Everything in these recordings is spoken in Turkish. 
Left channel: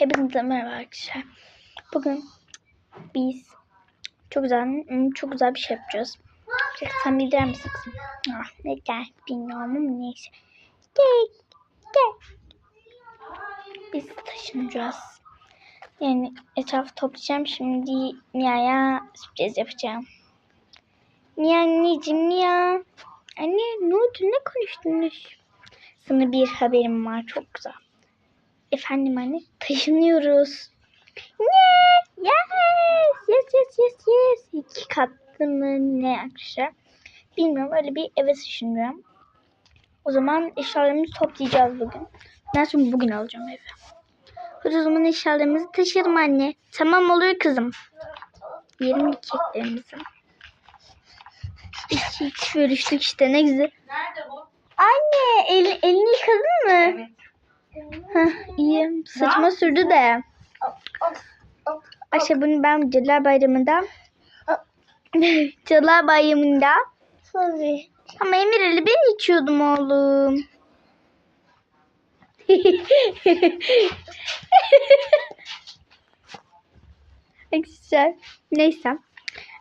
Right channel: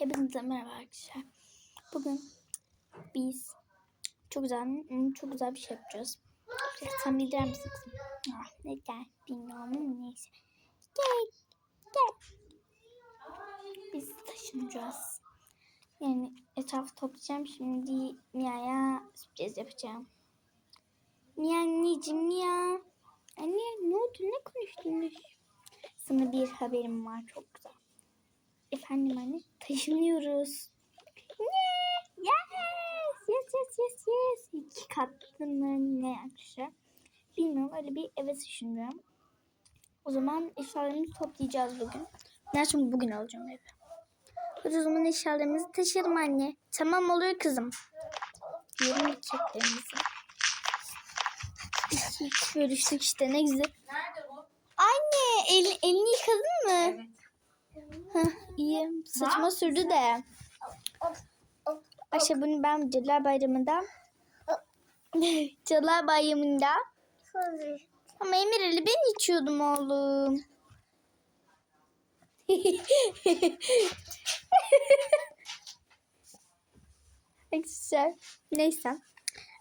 Hepinize merhaba arkadaşlar. Bugün biz çok güzel hmm, çok güzel bir şey yapacağız. Sen bildirir misin kızım? Ah, neden bilmiyorum ama neyse. Gel, gel. Biz taşınacağız. Yani etrafı toplayacağım. Şimdi Mia'ya sürpriz yapacağım. Mia anneciğim Mia. Anne ne oldu ne konuştunuz? Sana bir haberim var çok güzel. Efendim anne taşınıyoruz. Ne? Yes! Yes yes yes yes. İki katlı mı ne arkadaşlar? Bilmiyorum öyle bir eve taşınıyorum. O zaman eşyalarımızı toplayacağız bugün. Ben şimdi bugün alacağım evi. Hadi o zaman eşyalarımızı taşıyalım anne. Tamam olur kızım. Yiyelim keklerimizi. İki, iki bölüştük işte ne güzel. Nerede bu? Anne el, elini yıkadın mı? Evet. Heh, iyi. Saçma sürdü de. Ayşe bunu ben Cadılar Bayramı'nda Cadılar Bayramı'nda ama Emir Ali ben içiyordum oğlum. Arkadaşlar neyse.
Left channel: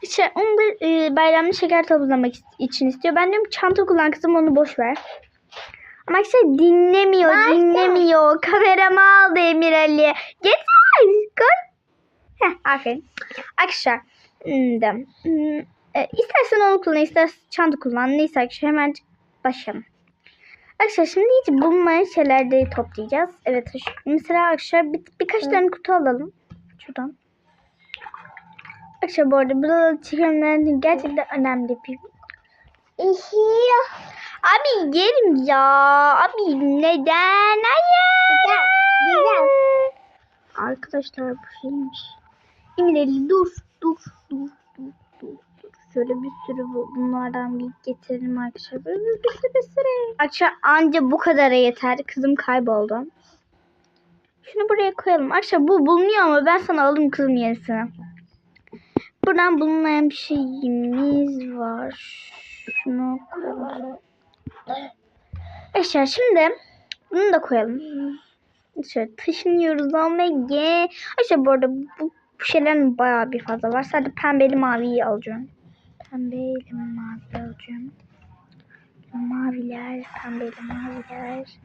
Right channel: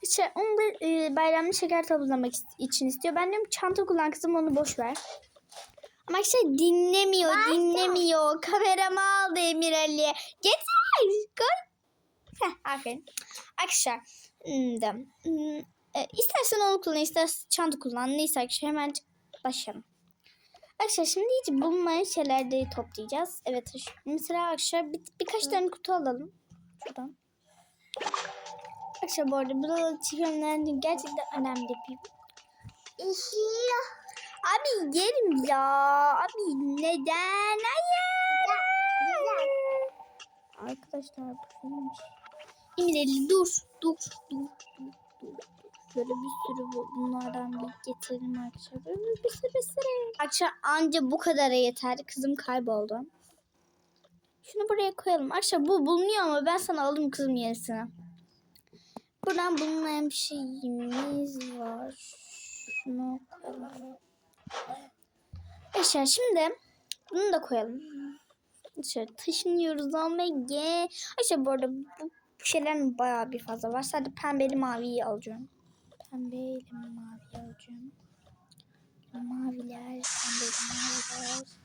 İşte onu da e, bayramda şeker toplamak için istiyor. Ben diyorum çanta kullan kızım onu boş ver. Ama işte dinlemiyor, dinlemiyor. Kameramı aldı Emir Ali. Getir, koy. Heh, aferin. Arkadaşlar, hmm, hmm, e, istersen onu kullan, istersen çanta kullan. Neyse arkadaşlar hemen başlayalım. Arkadaşlar şimdi hiç bulunmayan şeyler de toplayacağız. Evet, mesela arkadaşlar bir, birkaç tane kutu alalım. Şuradan. Arkadaşlar bu arada burada çekimlerin gerçekten önemli bir Abi yerim ya. Abi neden? Hayır. Arkadaşlar bu şeymiş. Emireli dur. Dur. Dur. Dur. Dur. Şöyle bir sürü bu- bunlardan bir getirelim arkadaşlar. Böyle bir sürü bir sürü. Arkadaşlar anca bu kadara yeter. Kızım kayboldu. Şunu buraya koyalım. Arkadaşlar bu bulunuyor ama ben sana alırım kızım yenisini. Buradan bulunmayan bir şeyimiz var. Şunu koyalım. Arkadaşlar şimdi bunu da koyalım. Şöyle taşınıyoruz ye. Arkadaşlar bu arada bu, bu şeylerin bayağı bir fazla var. Sadece pembeli maviyi alacağım. Pembeyle mavi alacağım. Maviler, pembeli maviler.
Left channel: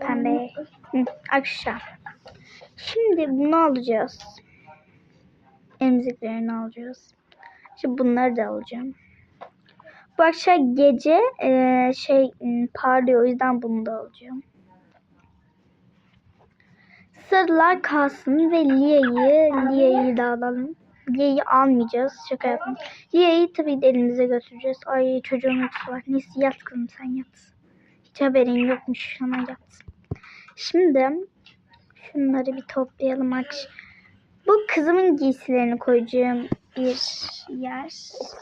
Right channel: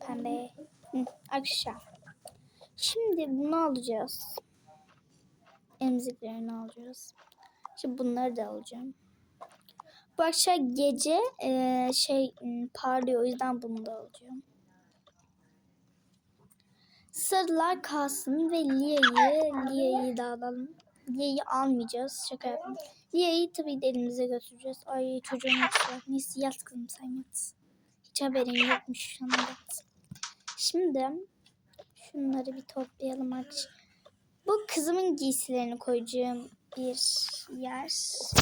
Pembe. Hı, arkadaşlar. Şimdi bunu alacağız. Emziklerini alacağız. Şimdi bunları da alacağım. Akşam gece eee, şey parlıyor o yüzden bunu da alacağım. Sırlar kalsın ve Lia'yı Lia'yı da alalım. Lia'yı almayacağız. Şaka yaptım. Lia'yı tabii de elimize götüreceğiz. Ay çocuğun uykusu var. Neyse yat kızım sen yat. Hiç haberin yokmuş. Sana yat. Şimdi şunları bir toplayalım. Bu kızımın giysilerini koyacağım bir yer.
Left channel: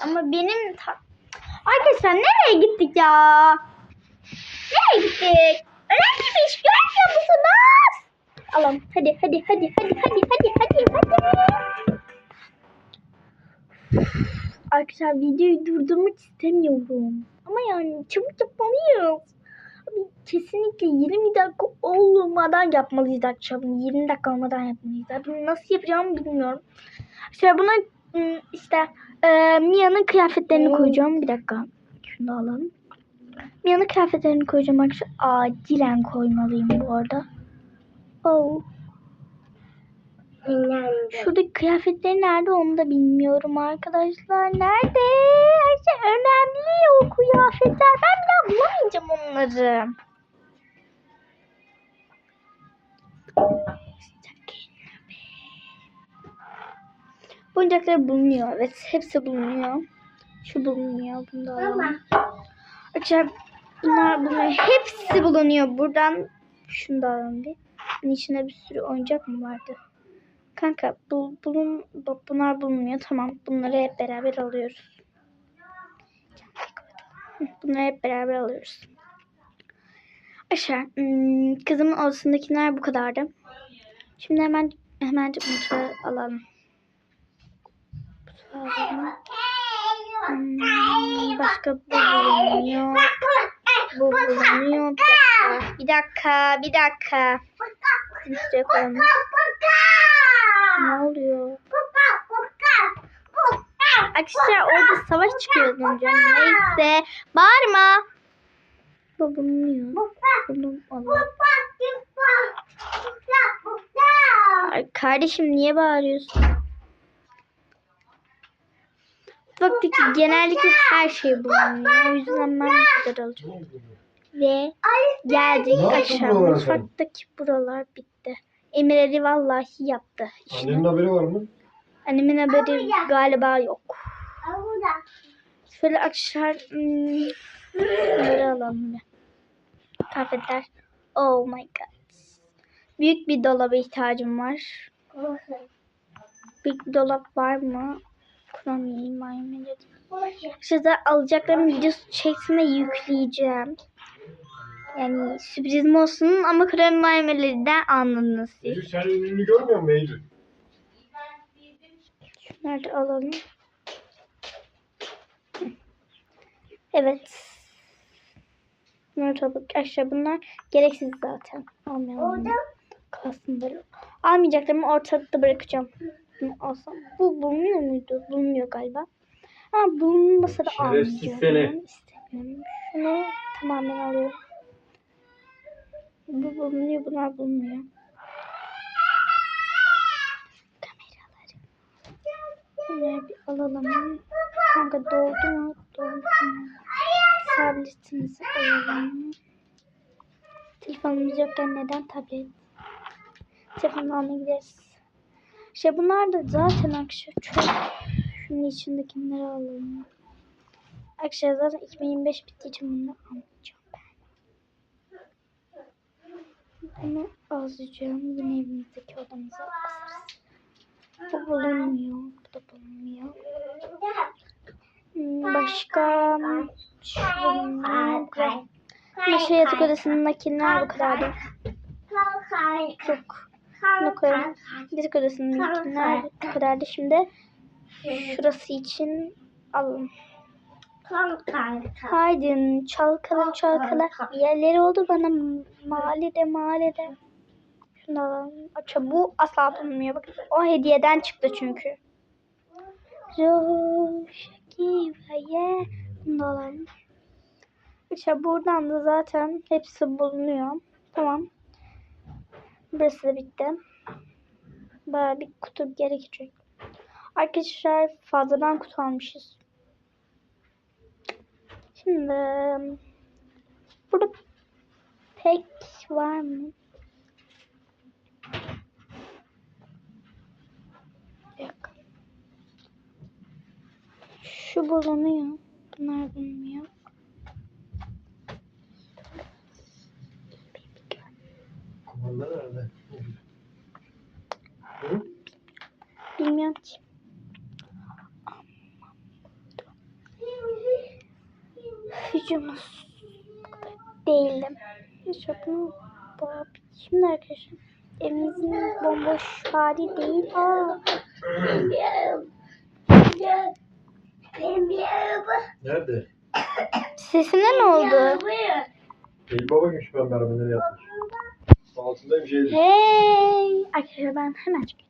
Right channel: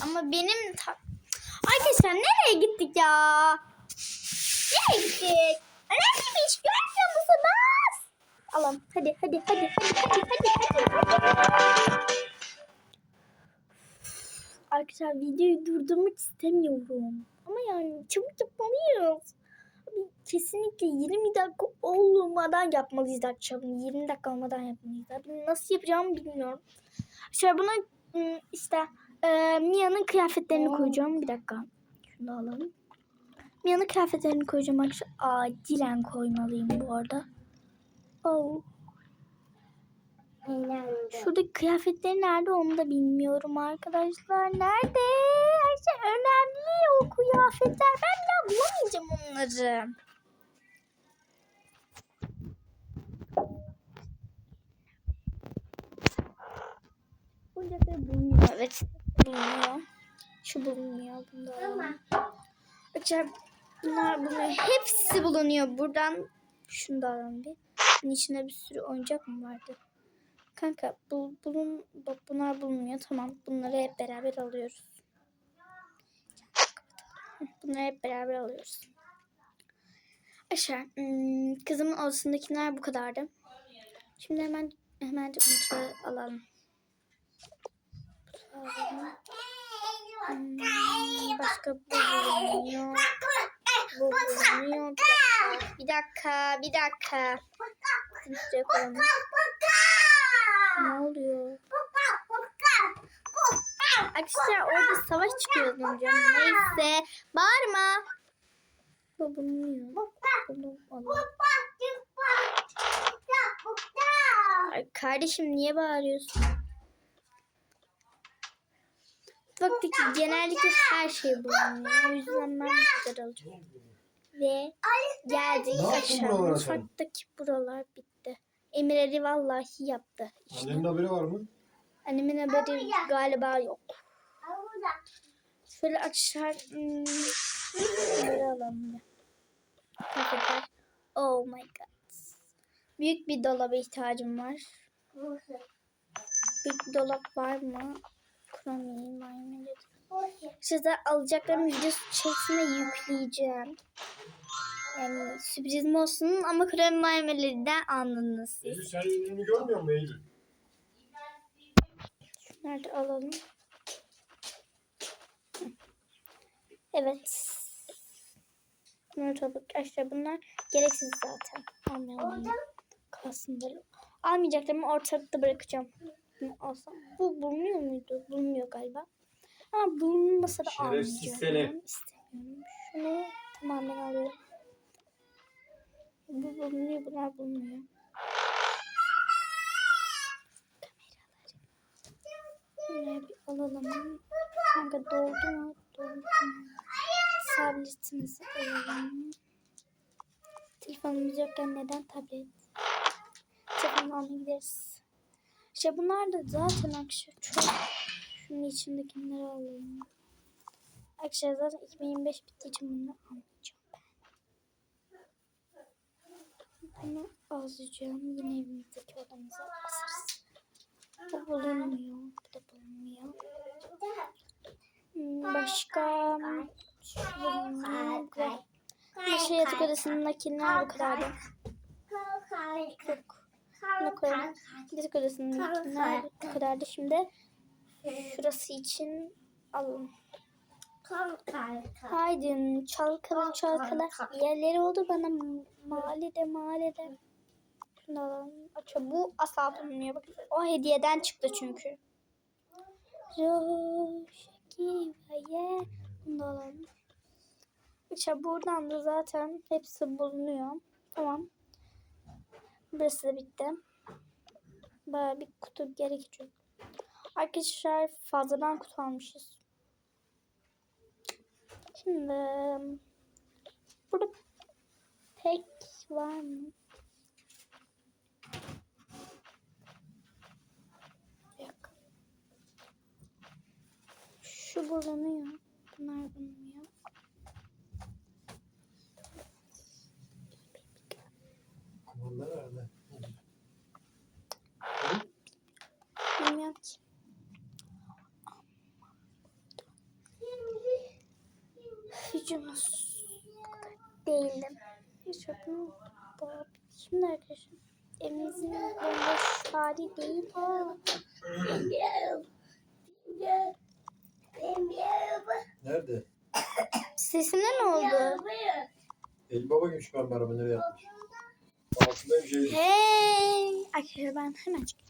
Ama benim ta- Arkadaşlar nereye gittik ya? Nereye gittik? Önemli bir iş görmüyor musunuz? Alalım. Hadi hadi hadi hadi hadi hadi hadi hadi. Arkadaşlar videoyu durdurmak istemiyorum. Ama yani çabuk yapmalıyız. Kesinlikle 20 dakika olmadan yapmalıyız. Bunu 20 dakika olmadan yapmalıyız. Abi nasıl yapacağımı bilmiyorum. Arkadaşlar buna ım, işte e, Mia'nın kıyafetlerini koyacağım. Bir dakika. Şunu da alalım. Mia'nın kıyafetlerini koyacağım arkadaşlar. Acilen koymalıyım bu arada. Oh. Şuradaki kıyafetleri nerede onu da bilmiyorum arkadaşlar. Nerede? Her şey önemli o kıyafetler. Ben bir daha bulamayacağım onları. Oyuncaklar bulunuyor. Evet hepsi bulunuyor. Şu bulunuyor. Bunu da alalım. Arkadaşlar bunlar bulunuyor. Hepsi bulunuyor. Buradan şunu da alalım bir. Bunun içinde bir sürü oyuncak mı vardı? Kanka bu, bulun, bu- bunlar bulunmuyor. Tamam bunları hep beraber alıyoruz. Bunları hep beraber alıyoruz. Aşağı hmm, kızımın odasındakiler bu kadardı. Şimdi hemen hemen mutfağı alalım. Alalım. Hmm, başka bu bulunuyor. Bu bulunuyor. Bir dakika. Bir dakika. Dakika. Şuraya koyalım. Ne oluyor? Arkadaşlar orada savaş çıkıyor önce. Neyse. Bağırma. Bu bulunuyor. Bunu alalım. Kardeşim niye bağırıyorsun? Mutfaktaki genellikle her şey bulunuyor. O yüzden ben bu kadar alacağım. Ve geldik aşağı. Mutfaktaki buralar bitti. Emir Ali vallahi yaptı. İşte. Annenin haberi var mı? Annemin haberi galiba yok. Şöyle akşam hmm, şunları alalım bir. Affeder. Oh my god. Büyük bir dolaba ihtiyacım var. Büyük bir dolap var mı? Var mı? Size alacaklarım videosu şeklinde yükleyeceğim. Yani sürprizim olsun ama krem maymelerinden anladınız siz. Eylül sen ünlü görmüyor musun Eylül? Şunları da alalım. Evet. Bunları topuk aşağı bunlar gereksiz zaten. Almayalım. Kalsın böyle. Almayacaklarımı ortalıkta bırakacağım. Alsam. Bu bulunuyor muydu? Bulunuyor galiba. Ama bulunmasa da Şerefsiz almayacağım. seni. İstemiyorum. Şunu tamamen alıyorum. Bu bulunuyor, bunlar bulunuyor. Kameraları. Bunları bir alalım. Kanka doldu mu? Doldu mu? Tabletimizi alalım. Telefonumuz yokken neden tablet? Telefonu almaya gideriz. İşte bunlar da zaten akşam çok. Şunun içindekileri alalım. Arkadaşlar zaten 2025 bittiği için bunu almayacağım ben. Bunu alacağım. Yine evimizdeki odamıza asarız. Bu bulunmuyor. Bu da bulunmuyor. Hmm, Başka şunlar bu kadar. Şey yatak odasındakiler bu kadar. Yok. Bunu koyalım. Yatak odasındakiler bu kadardı. Şimdi şurası için alalım. Haydi çalkala çalkala. Yerleri oldu bana mahallede mahallede. Şunu alalım. Aça bu asla bulunmuyor. Bakın o hediyeden çıktı çünkü. Roşkivaye. Bunu alalım. İşte buradan da zaten hepsi bulunuyor. Tamam. Burası da bitti. Baya bir kutu gerekecek. Arkadaşlar fazladan kutu almışız. Şimdi burada pek var mı? Yok. Şu bulunuyor. Bunlar bulunmuyor. Kumanda nerede? Bilmiyorum ki. Hücumuz. İşte bunu bu- Şimdi arkadaşlar evimizin bomboş hali değil. Aa, Nerede? sesine ne oldu? Eylül baba gümüş ben beraber nereye yatmış? Altında bir şey. Hey! Arkadaşlar ben hemen çıkıyorum.